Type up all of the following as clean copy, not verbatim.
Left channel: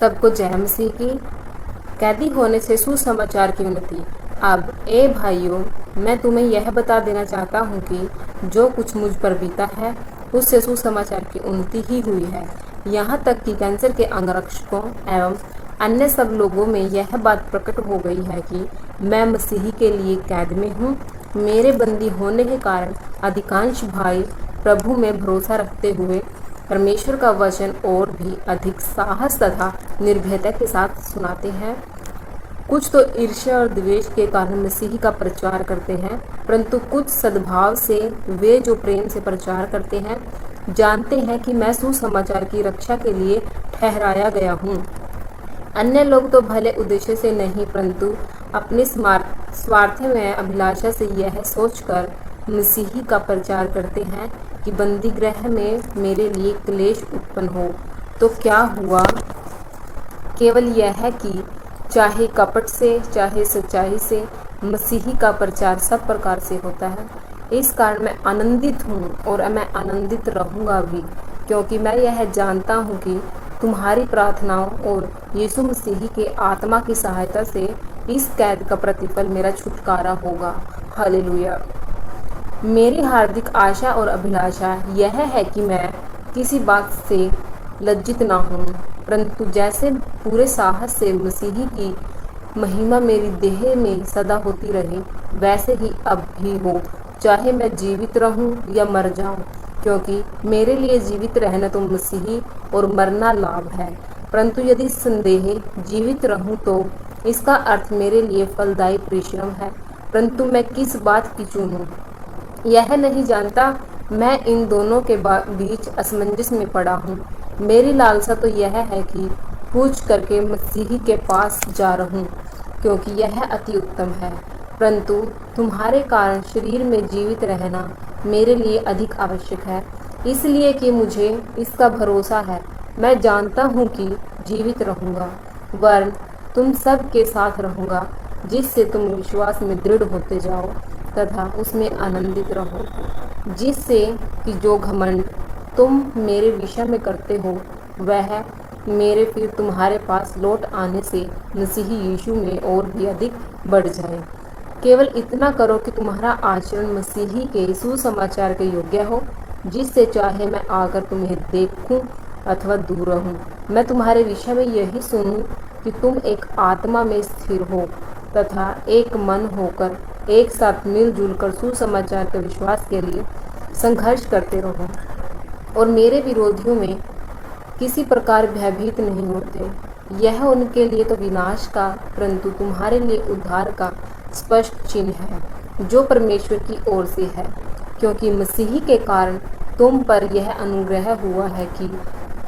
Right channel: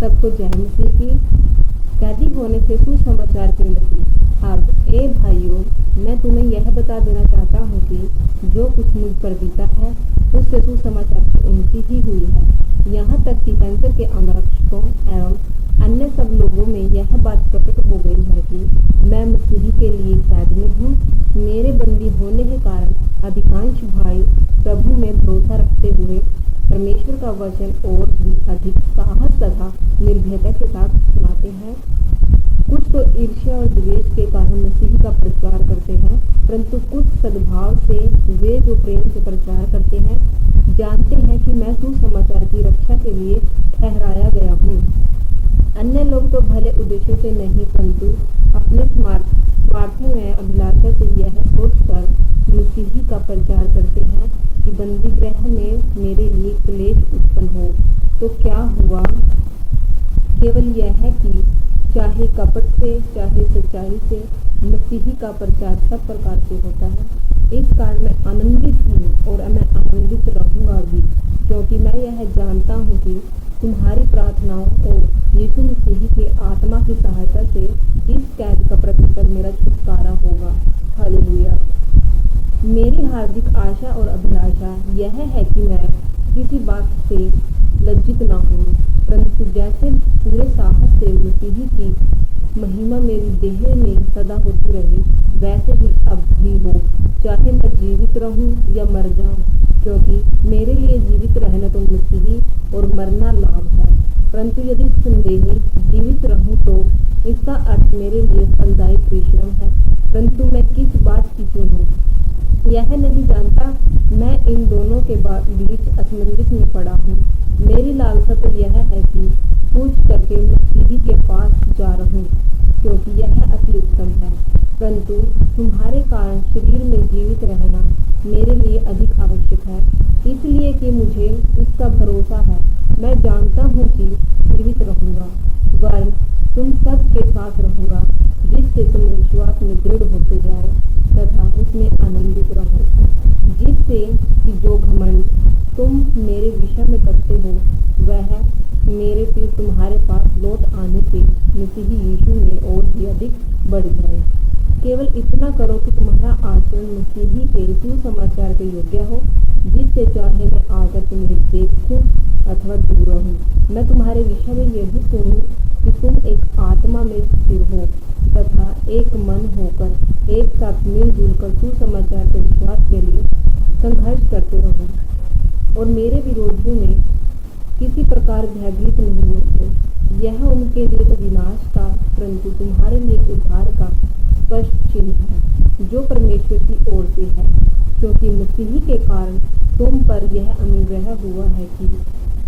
सबको जय मसीह की। कैदी होने से सुसमाचार की उन्नति। अब ए भाइयों, मैं तुम्हें यह बता देना चाहता हूँ कि जो कुछ मुझ पर बीता है उससे सुसमाचार की उन्नति ही हुई है। यहाँ तक कि कैंसर के अंगरक्षकों एवं अन्य सब लोगों में यह बात प्रकट हो गई है कि मैं मसीही के लिए कैद में हूँ। मेरे बंदी होने के कारण अधिकांश भाई प्रभु में भरोसा रखते हुए परमेश्वर का वचन और भी अधिक साहस तथा निर्भयता के साथ सुनाते हैं। कुछ तो ईर्ष्या और द्वेष के कारण मसीह का प्रचार करते हैं, परंतु कुछ सद्भाव से वे जो प्रेम से प्रचार करते हैं जानते हैं कि मैं सुसमाचार की रक्षा के लिए ठहराया गया हूँ। अन्य लोग तो भले उद्देश्य से नहीं, परंतु अपने स्वार्थमय अभिलाषा से यह सोचकर मसीही का प्रचार करते हैं कि बंदी गृह में मेरे लिए क्लेश उत्पन्न हो। तो क्या हुआ? केवल यह है कि चाहे कपट से चाहे सच्चाई से मसीही का प्रचार सब प्रकार से होता है। इस कारण मैं आनंदित हूँ और मैं आनंदित रहूँगा भी, क्योंकि मैं यह जानता हूँ कि तुम्हारी प्रार्थनाओं और यीशु मसीह के आत्मा की सहायता से इस कैद का प्रतिफल मेरा छुटकारा होगा। हालेलुया। मेरी हार्दिक आशा और अभिलाषा यह है कि मैं किसी बात से लज्जित ना हूँ, परंतु जैसे पूरे साहस से मसीही की महिमा मेरी देह में सदा होती रहे, वैसे ही अब भी हो, चाहे मैं जीवित रहूं या मर जाऊं, क्योंकि मेरे लिए जीवित रहना तो मसीही और मरना लाभ है। परंतु यदि संदेह जीवित रहूं तो इसका अर्थ मेरे लिए फलदायी परिश्रम है। परंतु मैं किस बात की चुनूं यह नहीं जानता। मैं इन दोनों के बीच असमंजस में पड़ा हूँ। मेरी लालसा तो यह है कि पूछ करके मसीही के पास जा रहूं, क्योंकि यह अति उत्तम है। परंतु तुम्हारे कारण शरीर में जीवित रहना मेरे लिए अधिक आवश्यक है, इसलिए कि मुझे इसका भरोसा है। मैं जानता हूँ कि जीवित रहूँगा, वरन तुम सब के साथ रहूँगा, जिससे तुम विश्वास में दृढ़ होते जाओ तथा उसमें आनंदित रहो, जिससे कि जो घमंड तुम मेरे विषय में करते हो वह मेरे फिर तुम्हारे पास लौट आने से मसीही यीशु में और भी अधिक बढ़ जाए। केवल इतना करो कि तुम्हारा आचरण मसीही के सुसमाचार के योग्य हो, जिससे चाहे मैं आकर तुम्हें देखूं अथवा दूर रहूं, मैं तुम्हारे विषय में यही सुनूं कि तुम एक आत्मा में स्थिर हो तथा एक मन होकर एक साथ मिलजुल कर सुसमाचार के विश्वास के लिए संघर्ष करते रहो और मेरे विरोधियों में किसी प्रकार भयभीत नहीं होते। यह उनके लिए तो विनाश का, परंतु तुम्हारे लिए उद्धार का स्पष्ट चिन्ह है, जो परमेश्वर की ओर से है, क्योंकि मसीही के कारण तुम पर यह अनुग्रह हुआ है कि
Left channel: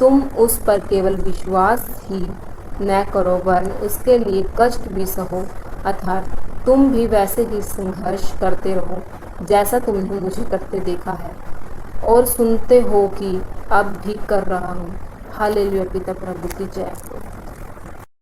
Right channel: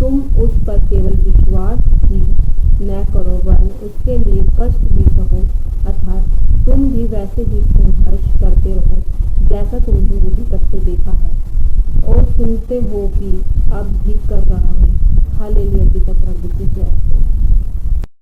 तुम उस पर केवल विश्वास ही न करो, वरन उसके लिए कष्ट भी सहो, अर्थात तुम भी वैसे ही संघर्ष करते रहो जैसा तुमने मुझे करते देखा है और सुनते हो कि अब भी कर रहा हूँ। हालेलुया। पिता प्रभु की जय।